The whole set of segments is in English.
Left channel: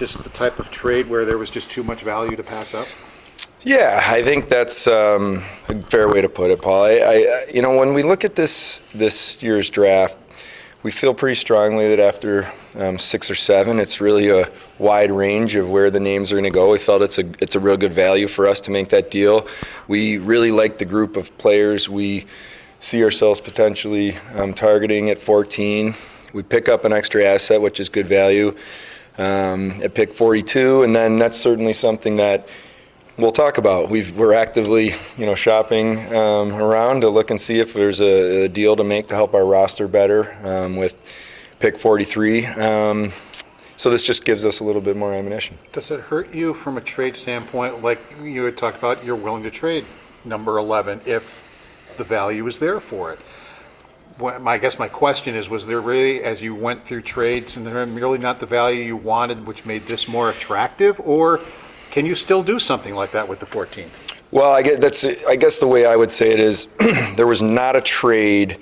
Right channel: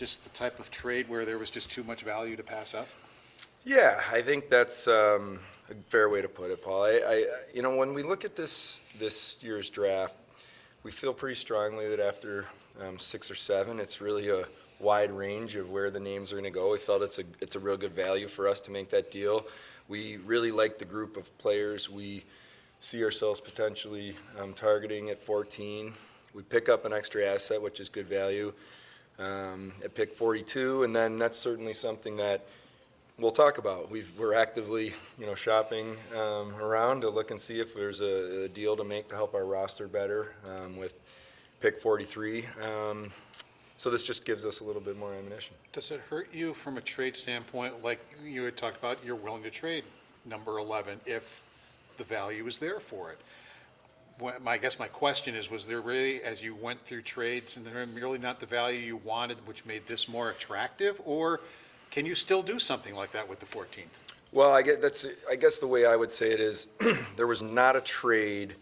just the type of trade where there was just too much value to pass up? Yeah, I think that's a fair way to put it, Paul. You know, when we look at this year's draft, we feel pretty strongly that after 6 or 7, it's really a wide range of where the names are going to go. We felt it's a real good value for us to make that deal. We really like the group of players we see ourselves potentially targeting at 14. We pick up an extra asset, which is good value, at pick 42, and then that's certainly something that we'll talk about. We're actively, you know, shopping around to look and see if there's a deal to make to help our roster better with pick 43. So this just gives us a little bit more ammunition. Does it hurt you from a trade standpoint, like you had talked about, you're willing to trade number 11 if the value is there for it? I guess my question is, was there really, as you went through trades, and they're really not the value you wanted, which made this more attractive, or can you still do something like that with the 14th? Well, I guess the way I would say it is there was not a trade,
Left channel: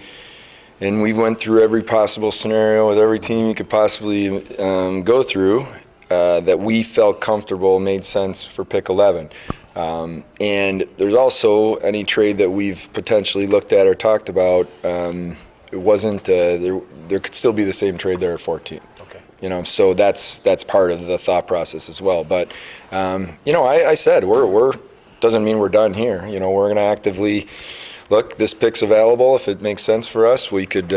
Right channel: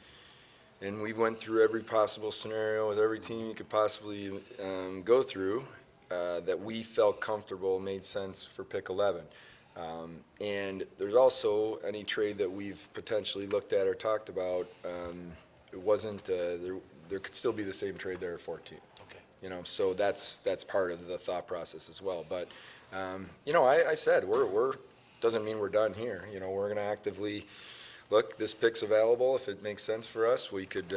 and we went through every possible scenario with every team you could possibly go through that we felt comfortable made sense for pick 11. And there's also any trade that we've potentially looked at or talked about, it wasn't, there could still be the same trade there at 14. Okay. You know, so that's part of the thought process as well. But you know, I said we're doesn't mean we're done here. You know, we're going to actively look. This pick's available. If it makes sense for us, we could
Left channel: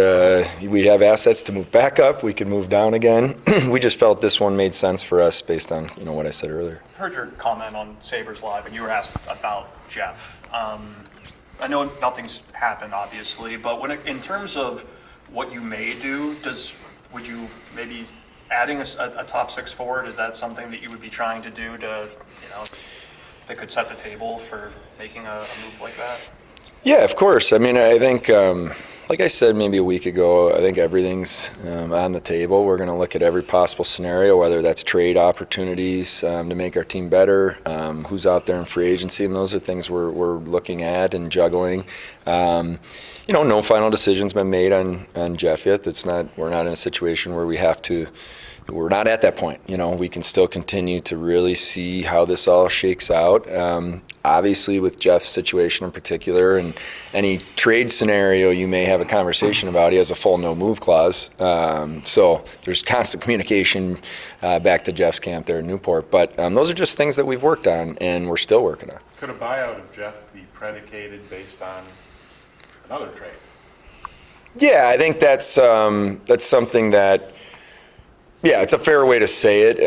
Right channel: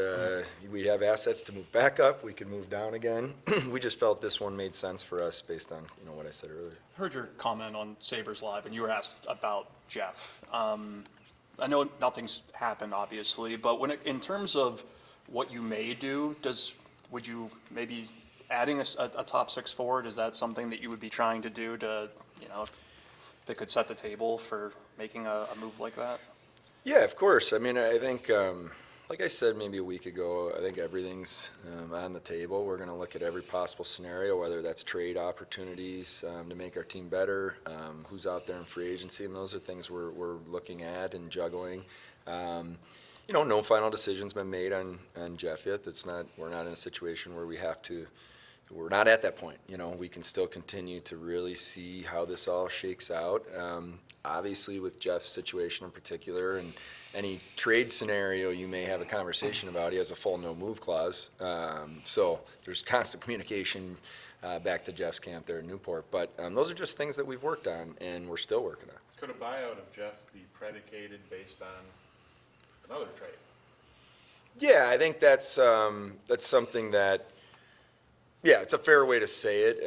we'd have assets to move back up. We could move down again. We just felt this one made sense for us based on, you know, what I said earlier. I heard your comment on Sabres Live, and you were asked about Jeff. I know nothing's happened, obviously, but in terms of what you may do, would you maybe adding a top 6 forward, is that something that you would be trying to do to, you know, that could set the table for making a move like that? Yeah, of course. I mean, I think, like I said maybe a week ago, I think everything's on the table. We're going to look at every possible scenario, whether that's trade opportunities to make our team better, who's out there in free agency, and those are things we're looking at and juggling. You know, no final decision's been made on Jeff yet. We're not in a situation where we have to. We're not at that point. You know, we can still continue to really see how this all shakes out. Obviously, with Jeff's situation in particular, and any trade scenario you may have a conversation about, he has a full no-move clause. So there's constant communication back to Jeff's camp there in Newport. But those are just things that we've worked on, and we're still working on. Could a buyout of Jeff be predicated based on another trade? Yeah, I think that's something that. Yeah, it's a fair way to say it.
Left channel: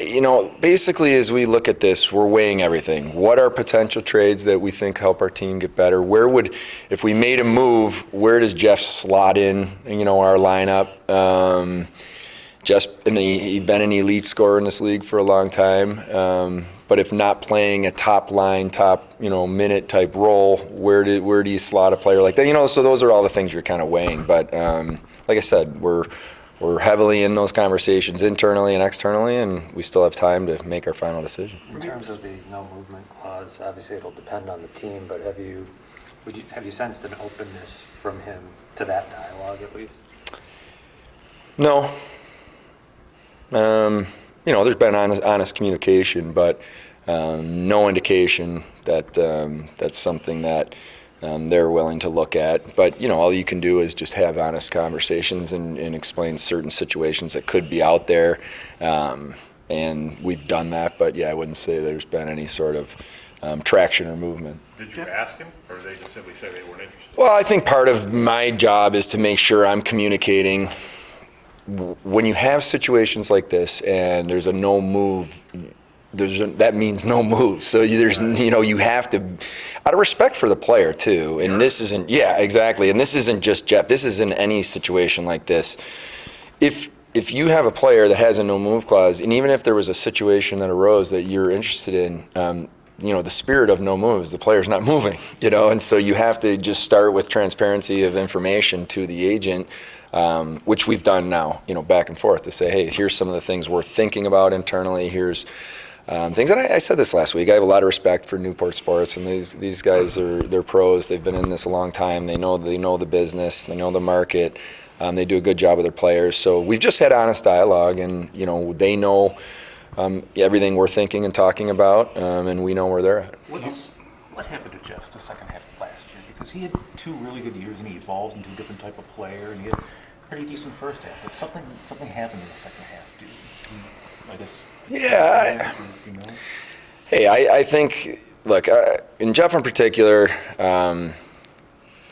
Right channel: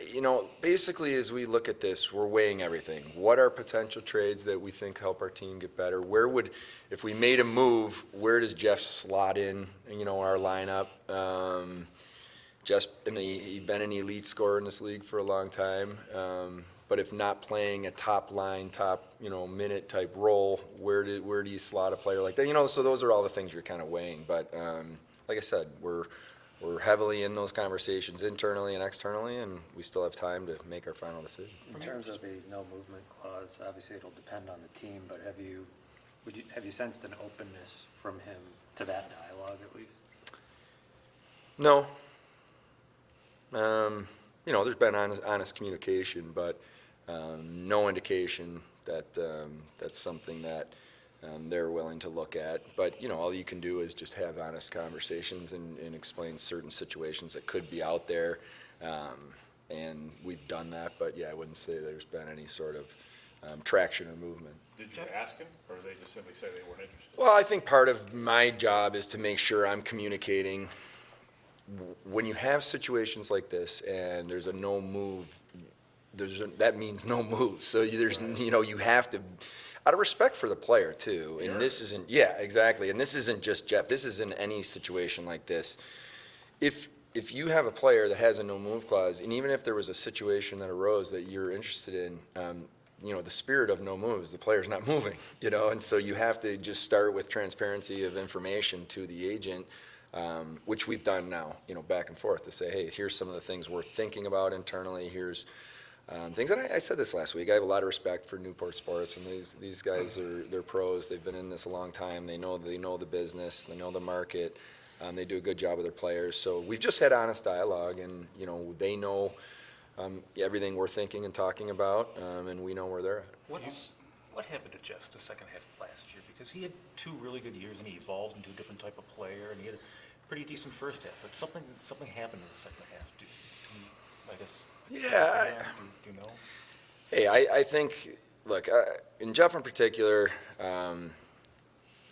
You know, basically as we look at this, we're weighing everything. What are potential trades that we think help our team get better? If we made a move, where does Jeff slot in, you know, our lineup? He'd been an elite scorer in this league for a long time. But if not playing a top line, you know, minute type role, where do you slot a player like that? You know, so those are all the things you're kind of weighing. But like I said, we're heavily in those conversations internally and externally, and we still have time to make our final decision. In terms of the no movement clause, obviously it'll depend on the team, but have you sensed an openness from him to that dialogue at least? No. You know, there's been honest communication, but no indication that that's something that they're willing to look at. But, you know, all you can do is just have honest conversations and explain certain situations that could be out there. And we've done that, but yeah, I wouldn't say there's been any sort of traction or movement. Did you ask him, or did they just simply say they weren't interested? Well, I think part of my job is to make sure I'm communicating. When you have situations like this and there's a no move, that means no move. So there's, you know, you have to, out of respect for the player too. And this isn't, yeah, exactly. And this isn't just Jeff. This is in any situation like this. If you have a player that has a no move clause, and even if there was a situation that arose that you're interested in, you know, the spirit of no moves, the player's not moving, you know, and so you have to just start with transparency of information to the agent. Which we've done now, you know, back and forth to say, hey, here's some of the things we're thinking about internally. Here's things, and I said this last week. I have a lot of respect for Newport Sports, and these guys they're pros. They've been in this a long time. They know the business. They know the market. They do a good job with their players. So we've just had honest dialogue, and they know everything we're thinking and talking about, and we know where they're at. What happened to Jeff the second half of last year? Because he had 2 really good years and he evolved into a different type of player and he had a pretty decent first half. But something happened in the second half. I guess. Yeah. Hey, I think, look, in Jeff in particular,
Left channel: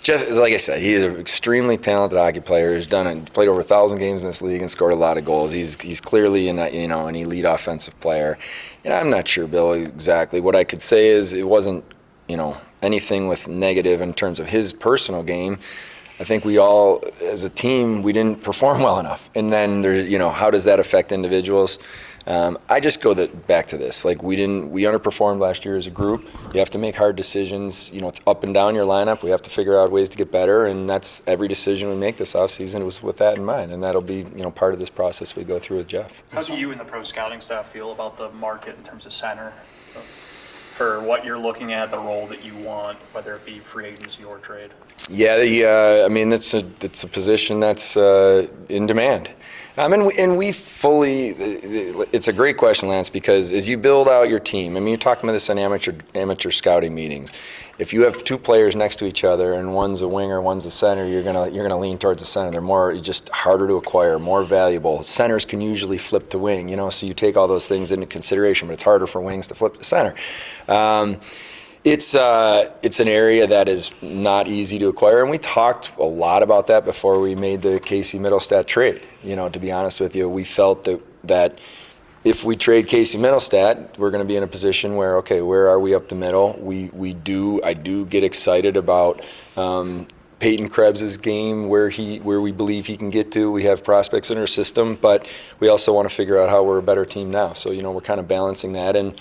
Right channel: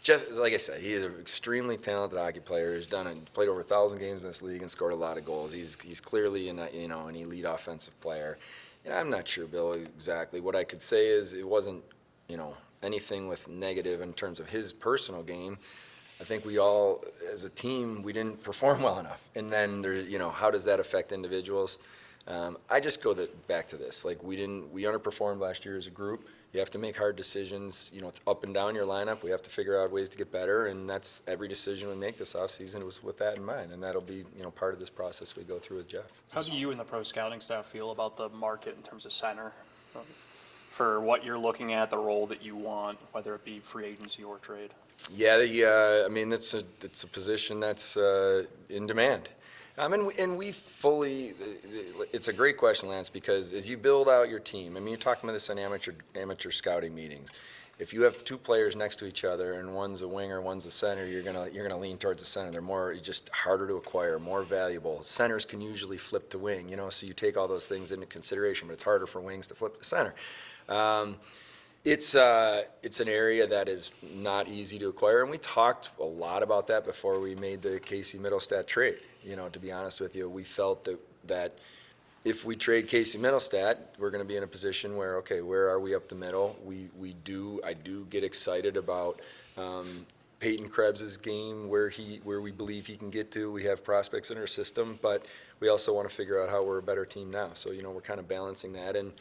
Jeff, like I said, he is an extremely talented hockey player. He's played over 1,000 games in this league and scored a lot of goals. He's clearly an elite offensive player. And I'm not sure, Bill, exactly. What I could say is it wasn't, anything with negative in terms of his personal game. I think we all, as a team, we didn't perform well enough. And then there's, how does that affect individuals? I just go back to this. Like we underperformed last year as a group. You have to make hard decisions, up and down your lineup. We have to figure out ways to get better, and that's every decision we make this offseason was with that in mind. And that'll be, part of this process we go through with Jeff. How do you and the pro scouting staff feel about the market in terms of center? For what you're looking at, the role that you want, whether it be free agency or trade? Yeah, it's a position that's in demand. And we fully, it's a great question, Lance, because as you build out your team, you're talking about this in amateur scouting meetings. If you have 2 players next to each other and one's a winger, one's a center, you're gonna lean towards the center. They're just harder to acquire, more valuable. Centers can usually flip to wing, so you take all those things into consideration, but it's harder for wings to flip to center. It's an area that is not easy to acquire, and we talked a lot about that before we made the Casey Middlestat trade. To be honest with you, we felt that if we trade Casey Middlestat, we're going to be in a position where, okay, where are we up the middle? I do get excited about Peyton Krebs' game, where we believe he can get to. We have prospects in our system, but we also want to figure out how we're a better team now. So we're kind of balancing that, and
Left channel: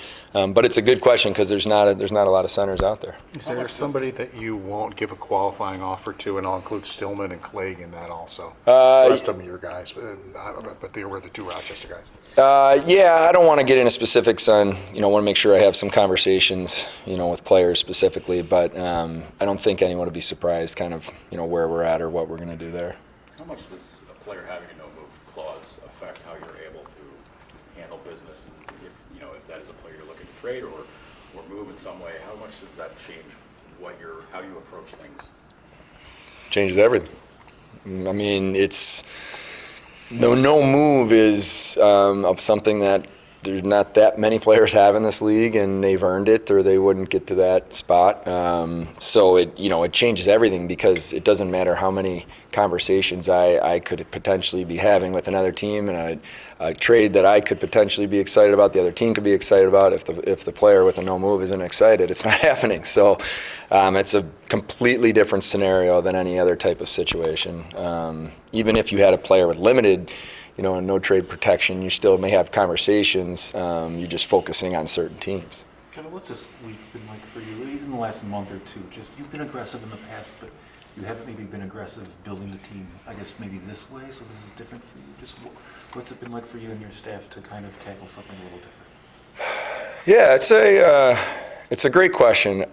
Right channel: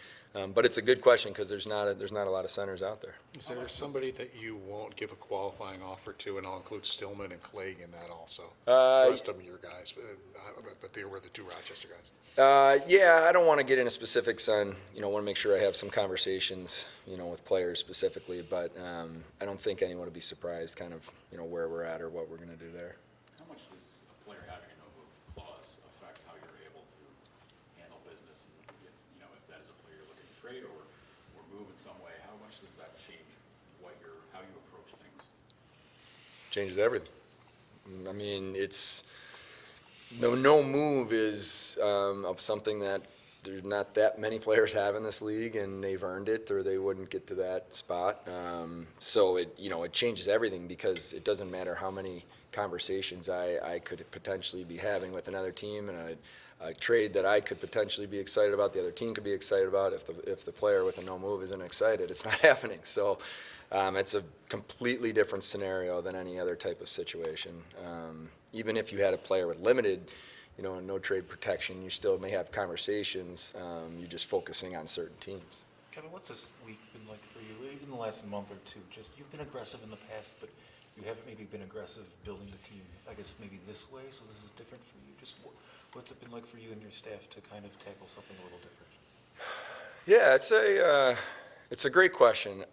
but it's a good question because there's not a lot of centers out there. Is there somebody that you won't give a qualifying offer to, and I'll include Stillman and Clegg in that also? The rest of them are your guys, but I don't know, but they were the 2 Rochester guys. Yeah, I don't want to get into specifics on, want to make sure I have some conversations, with players specifically, but I don't think anyone would be surprised kind of, where we're at or what we're going to do there. How much does a player having a no-move clause affect how you're able to handle business? And if that is a player you're looking to trade or move in some way, how much does that change how you approach things? Changes everything. It's the no move is of something that there's not that many players have in this league, and they've earned it, or they wouldn't get to that spot. So it changes everything because it doesn't matter how many conversations I could potentially be having with another team, and a trade that I could potentially be excited about, the other team could be excited about. If the player with the no move isn't excited, it's not happening. So it's a completely different scenario than any other type of situation. Even if you had a player with limited no trade protection, you still may have conversations. You're just focusing on certain teams. Kevin, what's this week been like for you? Even the last month or two, you've been aggressive in the past, but you haven't maybe been aggressive building the team, I guess maybe this way, so this is different for you. Just what's it been like for you and your staff to kind of tackle something a little different? Yeah, it's a great question.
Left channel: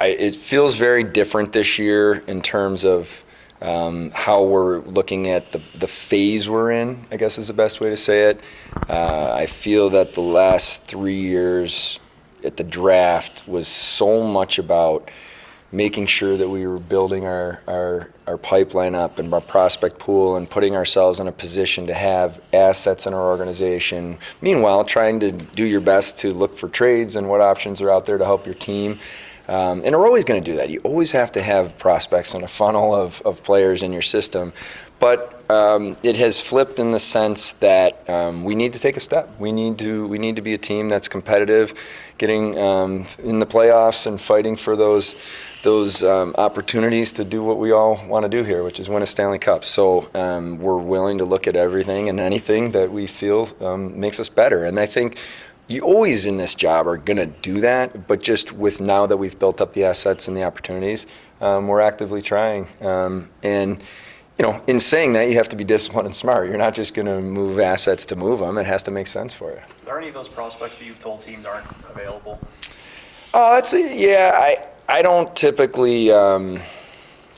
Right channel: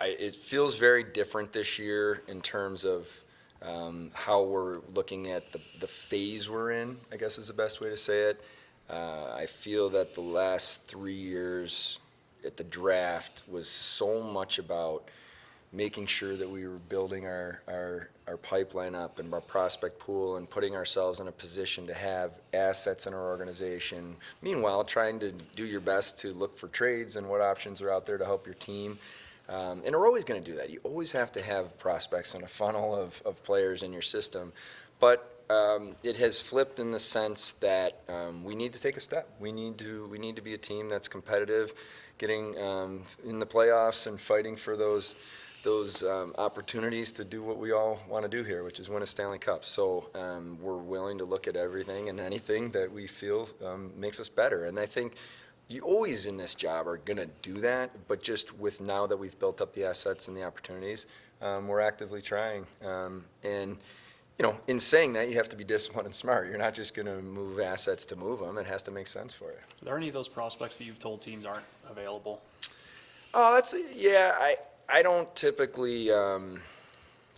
It feels very different this year in terms of how we're looking at the phase we're in, I guess is the best way to say it. I feel that the last 3 years at the draft was so much about making sure that we were building our pipeline up and our prospect pool and putting ourselves in a position to have assets in our organization. Meanwhile, trying to do your best to look for trades and what options are out there to help your team. And we're always going to do that. You always have to have prospects and a funnel of players in your system. But it has flipped in the sense that we need to take a step. We need to be a team that's competitive, getting in the playoffs and fighting for those opportunities to do what we all want to do here, which is win a Stanley Cup. So we're willing to look at everything and anything that we feel makes us better. And I think you always in this job are going to do that, but just with now that we've built up the assets and the opportunities, we're actively trying. And in saying that, you have to be disciplined and smart. You're not just going to move assets to move them. It has to make sense for you. Are there any of those prospects that you've told teams aren't available? Oh, I don't typically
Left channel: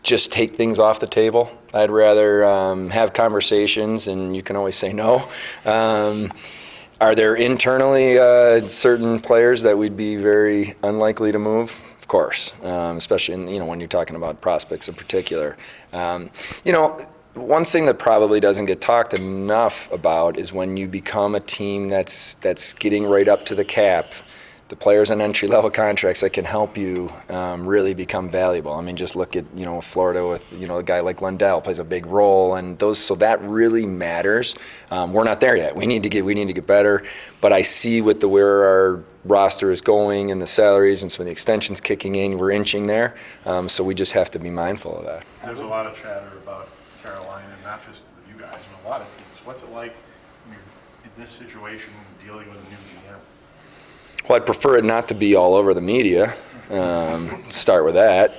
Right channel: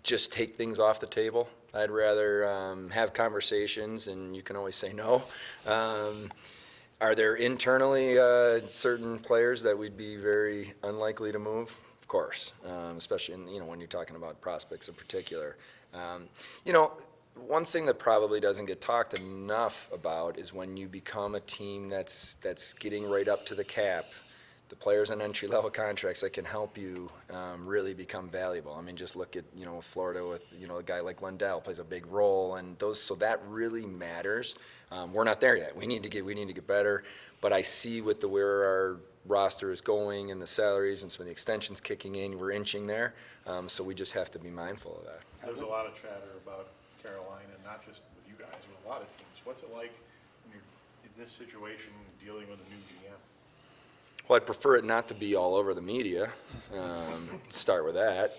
just take things off the table. I'd rather have conversations, and you can always say no. Are there internally certain players that we'd be very unlikely to move? Of course, especially when you're talking about prospects in particular. One thing that probably doesn't get talked enough about is when you become a team that's getting right up to the cap, the players on entry-level contracts that can help you really become valuable. I mean, just look at Florida with a guy like Lundell plays a big role, and so that really matters. We're not there yet. We need to get better. But I see with where our roster is going and the salaries and some of the extensions kicking in, we're inching there. So we just have to be mindful of that. There's a lot of chatter about Carolina, and not just with you guys, but a lot of teams. What's it like in this situation dealing with a new GM? Well, I'd prefer it not to be all over the media. Start with that.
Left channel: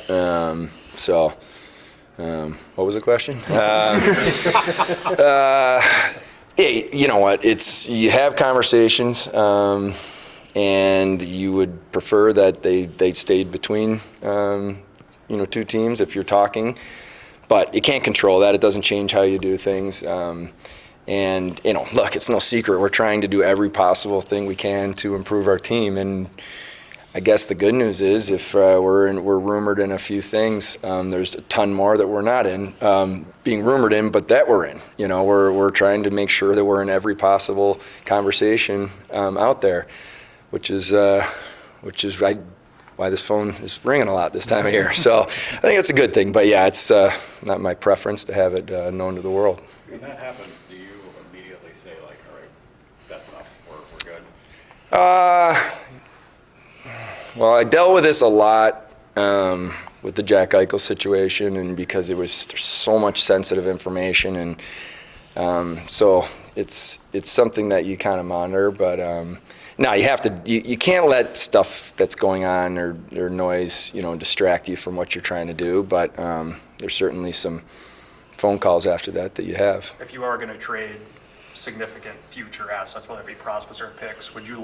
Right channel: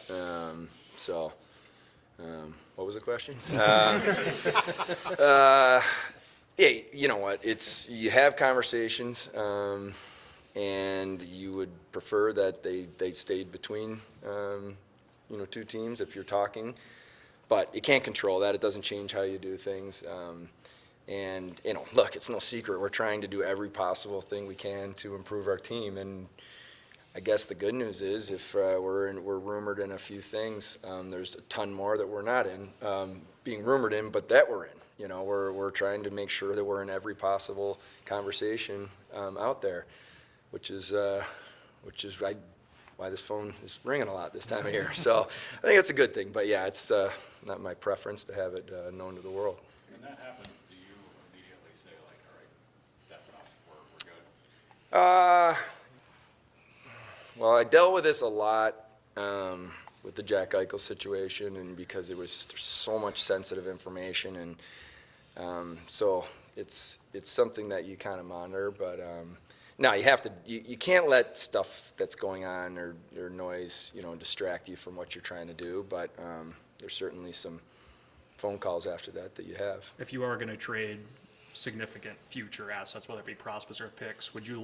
What was the question? Hey, you know what? You have conversations, and you would prefer that they stayed between two teams if you're talking. But you can't control that. It doesn't change how you do things. And look, it's no secret. We're trying to do every possible thing we can to improve our team. And I guess the good news is, if we're rumored in a few things, there's a ton more that we're not in, being rumored in, but that we're in. We're trying to make sure that we're in every possible conversation out there, which is why this phone is ringing a lot this time of year. So I think it's a good thing. But yeah, it's not my preference to have it known to the world. When that happens, do you immediately say, like, all right, that's enough, we're good? Well, I dealt with this a lot with the Jack Eichel situation, and because there's so much sensitive information, and so it's something that you kind of monitor. But now you have to. You can't let stuff that's going on or noise, distract you from what you're trying to do. But there's certainly some phone calls after that you have. If you are going to trade significant future assets, whether it be prospects or picks, would you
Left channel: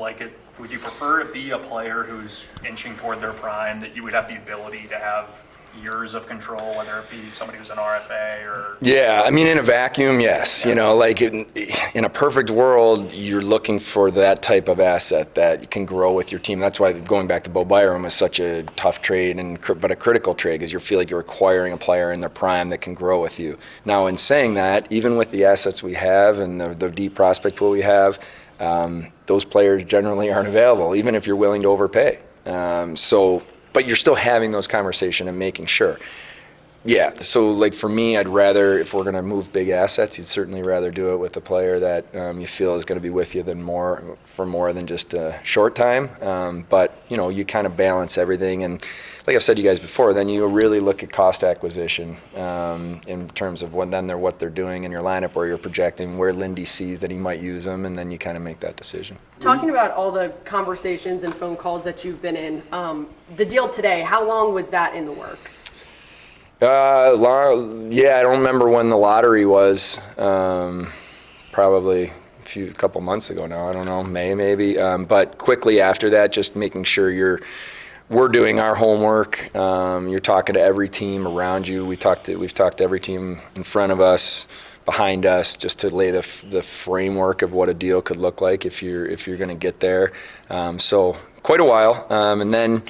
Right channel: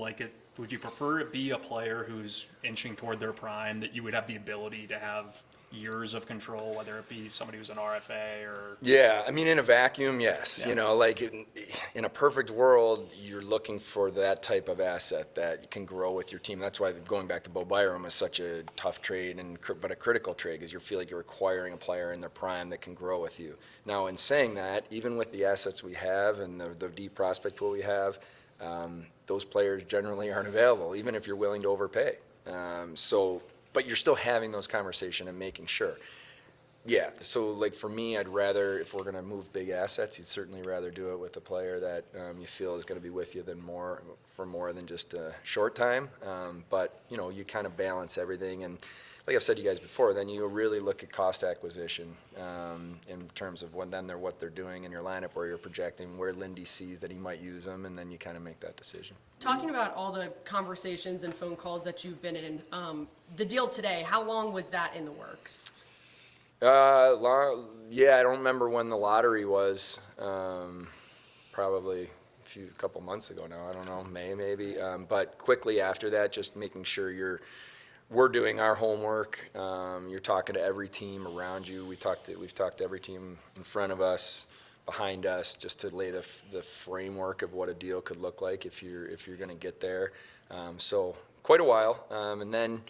prefer it be a player who's inching toward their prime, that you would have the ability to have years of control, whether it be somebody who's an RFA or? Yeah, I mean, in a vacuum, yes. Like in a perfect world, you're looking for that type of asset that can grow with your team. That's why going back to Bo Byram is such a tough trade, but a critical trade, because you feel like you're acquiring a player in their prime that can grow with you. Now, in saying that, even with the assets we have and the deep prospect pool we have, those players generally aren't available, even if you're willing to overpay. But you're still having those conversations and making sure. Yeah, so like for me, I'd rather, if we're going to move big assets, you'd certainly rather do it with a player that you feel is going to be with you for more than just a short time. But, you kind of balance everything. And like I've said to you guys before, then you really look at cost acquisition in terms of what they're doing in your lineup, where you're projecting, where Lindy sees that he might use them, and then you kind of make that decision. Talking about all the conversations and phone calls that you've been in, the deal today, how long was that in the works? I don't remember when the lottery was. Probably a couple months ago now. I don't know, May maybe. But quickly after that, just making sure we're doing our homework. You're talking to every team around you. We've talked to every team in front of us, behind us, just to lay the framework of what a deal could look like if you're going to get there. So quite a while, and then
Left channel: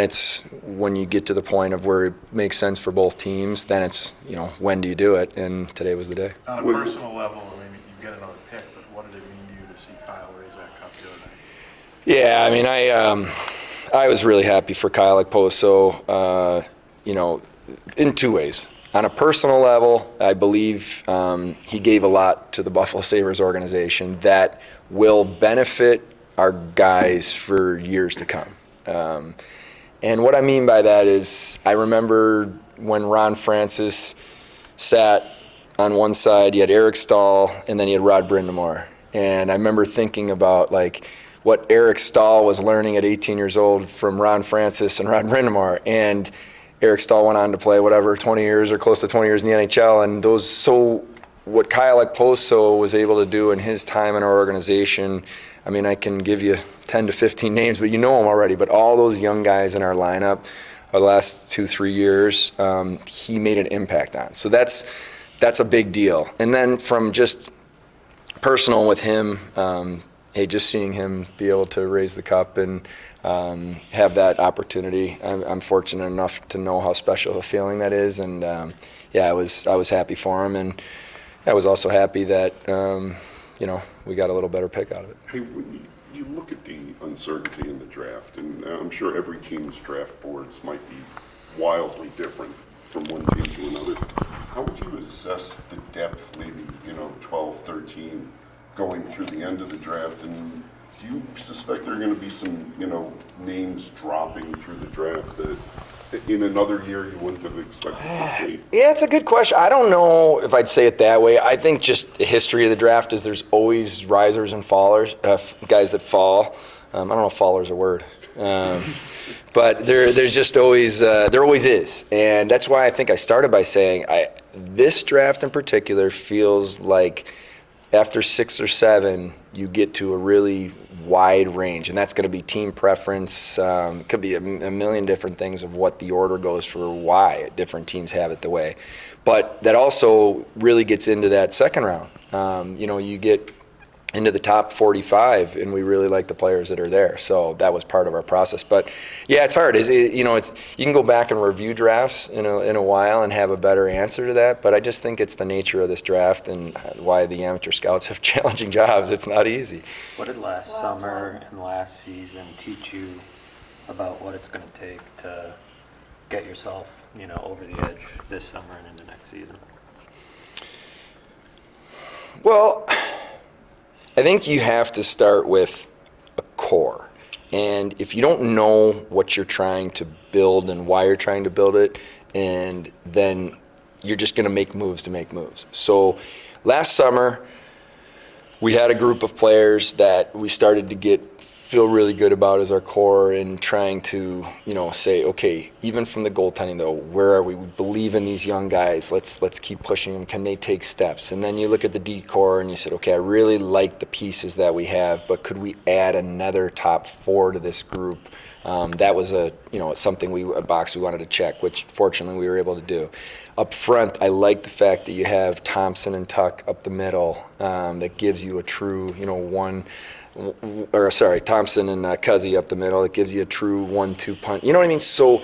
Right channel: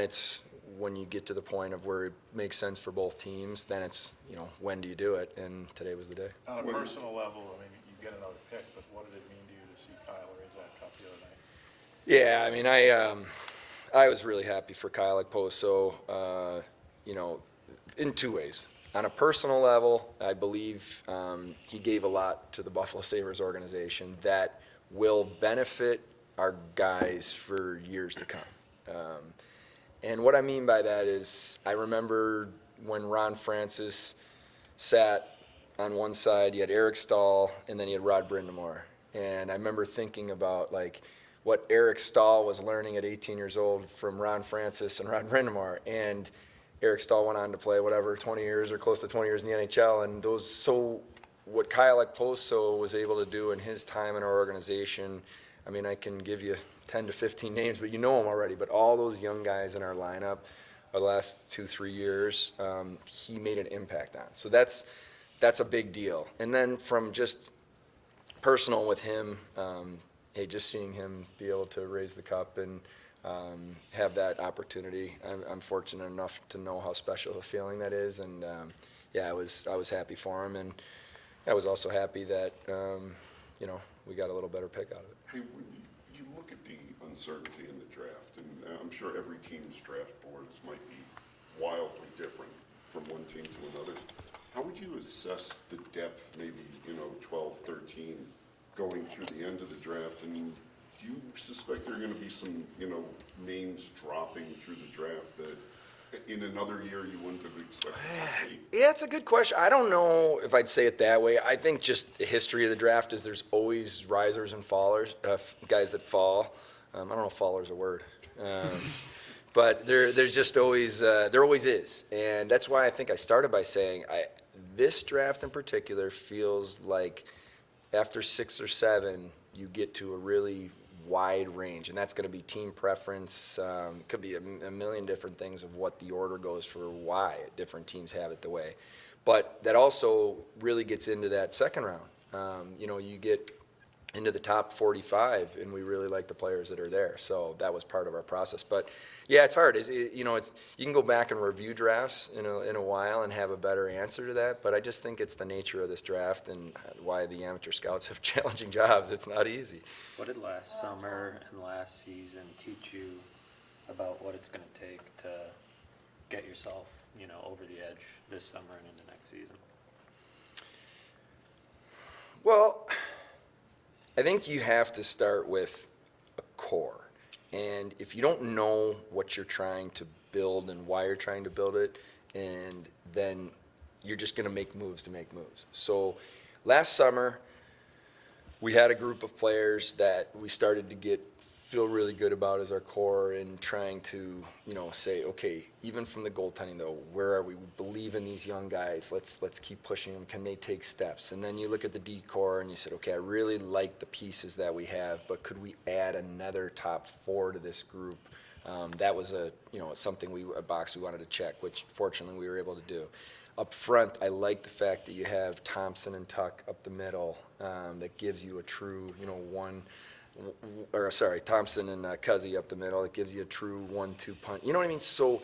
it's when you get to the point of where it makes sense for both teams, then it's, when do you do it? And today was the day. On a personal level, you get another pick, but what did it mean to you to see Kyle raise that cup the other night? Yeah, I mean, I was really happy for Kyle Okposo, in two ways. On a personal level, I believe he gave a lot to the Buffalo Sabres organization that will benefit our guys for years to come. And what I mean by that is, I remember when Ron Francis sat on one side, you had Eric Stahl, and then you had Rod Brind'Amour. And I remember thinking about what Eric Stahl was learning at 18 years old from Ron Francis and Rod Brind'Amour. And Eric Stahl went on to play 20 years or close to 20 years in the NHL. And what Kyle Okposo was able to do in his time in our organization, I mean, I can give you 10 to 15 names, but you know them already. But all those young guys in our lineup, the last 2-3 years, he made an impact on. So that's a big deal. And then from just personal with him, hey, just seeing him be able to raise the cup and have that opportunity, I'm fortunate enough to know how special a feeling that is. And yeah, I was happy for him, and I was also happy that we got a little better pick out of it. Hey, when you look at the uncertainty in the draft, and I'm sure every team's draft boards might be wildly different from one team to another, how would you assess the depth, maybe 12, 13, going through the end of the draft? And do you suspect there are going to be some names dropping through the draft that in another year you wouldn't have expected to see? Yeah, it's a good question. I don't know if I'd say it that way. I think just the history of the draft is there's always risers and fallers, guys that fall. I don't know if faller's a word. But there's just always, there always is. And that's why I think I started by saying this draft in particular feels like after 6 or 7, you get to a really wide range, and that's going to be team preference. It could be a million different things of what the order goes for, why different teams have it the way. But that also really gets into that second round. You get into the top 45, and we really like the players that are there. So that was part of our process. But yeah, it's hard. You can go back and review drafts in a while and have a better answer to that. But I just think it's the nature of this draft and why the amateur scouts have challenging jobs. It's not easy. What did last summer and last season teach you about what it's going to take to get yourself, over the edge this summer and into next season? Well, I think you have to start with a core. And if you don't know what you're trying to build and why you're trying to build it, and then you're just going to make moves to make moves. So last summer, we had a group of players that we started to feel really good about as our core, and trying to, say, okay, even from the goaltending though, where are we? We believe in these young guys. Let's keep pushing them. Can they take steps? And then you look at the D core and you said, okay, I really like the pieces that we have, but could we add another top 4 to this group? That was a box we wanted to check, which fortunately we were able to do. Up front, I like the fact that you have Thompson and Tuck up the middle. That gives you a true, Thompson and Cuzzy up the middle. It gives you a true 1-2 punch. You know what I mean? So,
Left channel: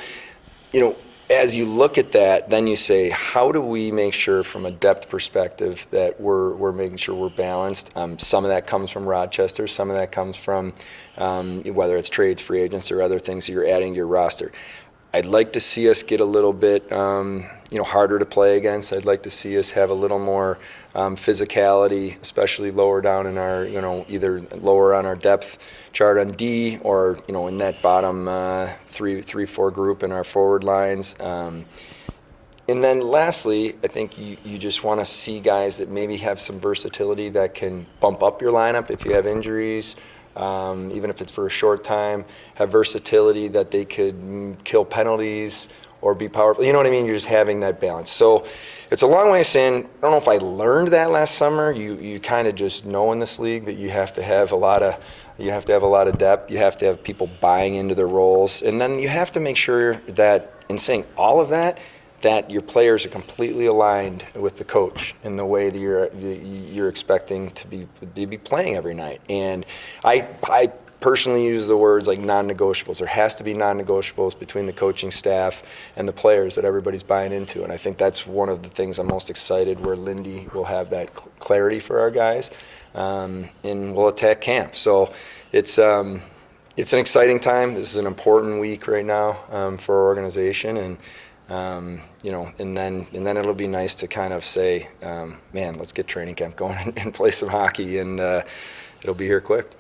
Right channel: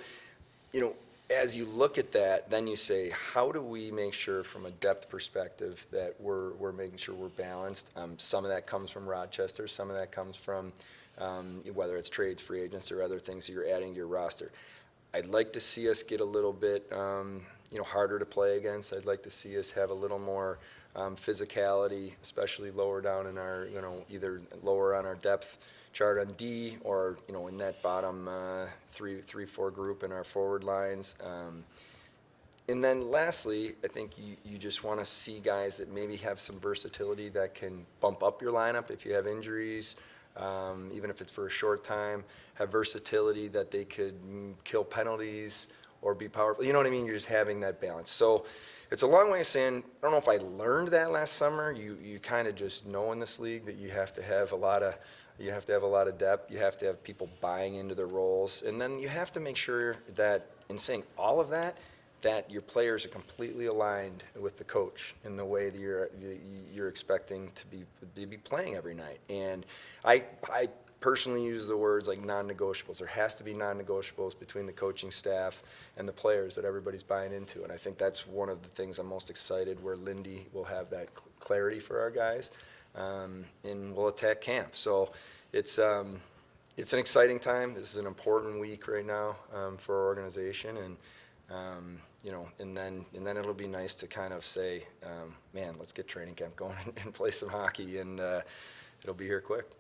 as you look at that, then you say, how do we make sure from a depth perspective that we're making sure we're balanced? Some of that comes from Rochester. Some of that comes from whether it's trades, free agents, or other things that you're adding to your roster. I'd like to see us get a little bit harder to play against. I'd like to see us have a little more physicality, especially lower down in our, either lower on our depth chart on D, or in that bottom 3-4 group in our forward lines. And then lastly, I think you just want to see guys that maybe have some versatility that can bump up your lineup if you have injuries, even if it's for a short time, have versatility that they could kill penalties or be powerful. You know what I mean? You're just having that balance. So it's a long way of saying, I don't know if I learned that last summer. You kind of just know in this league that you have to have a lot of depth. You have to have people buying into their roles, and then you have to make sure that in saying all of that, that your players are completely aligned with the coach in the way that you're expecting to be playing every night. And I personally use the words like non-negotiables. There has to be non-negotiables between the coaching staff and the players that everybody's buying into. And I think that's one of the things I'm most excited, where Lindy will have that clarity for our guys, and we'll attack camp. So it's an exciting time. This is an important week right now for our organization, and and then it'll be nice to kind of say, man, let's get training camp going and play some hockey, and it'll be here quick.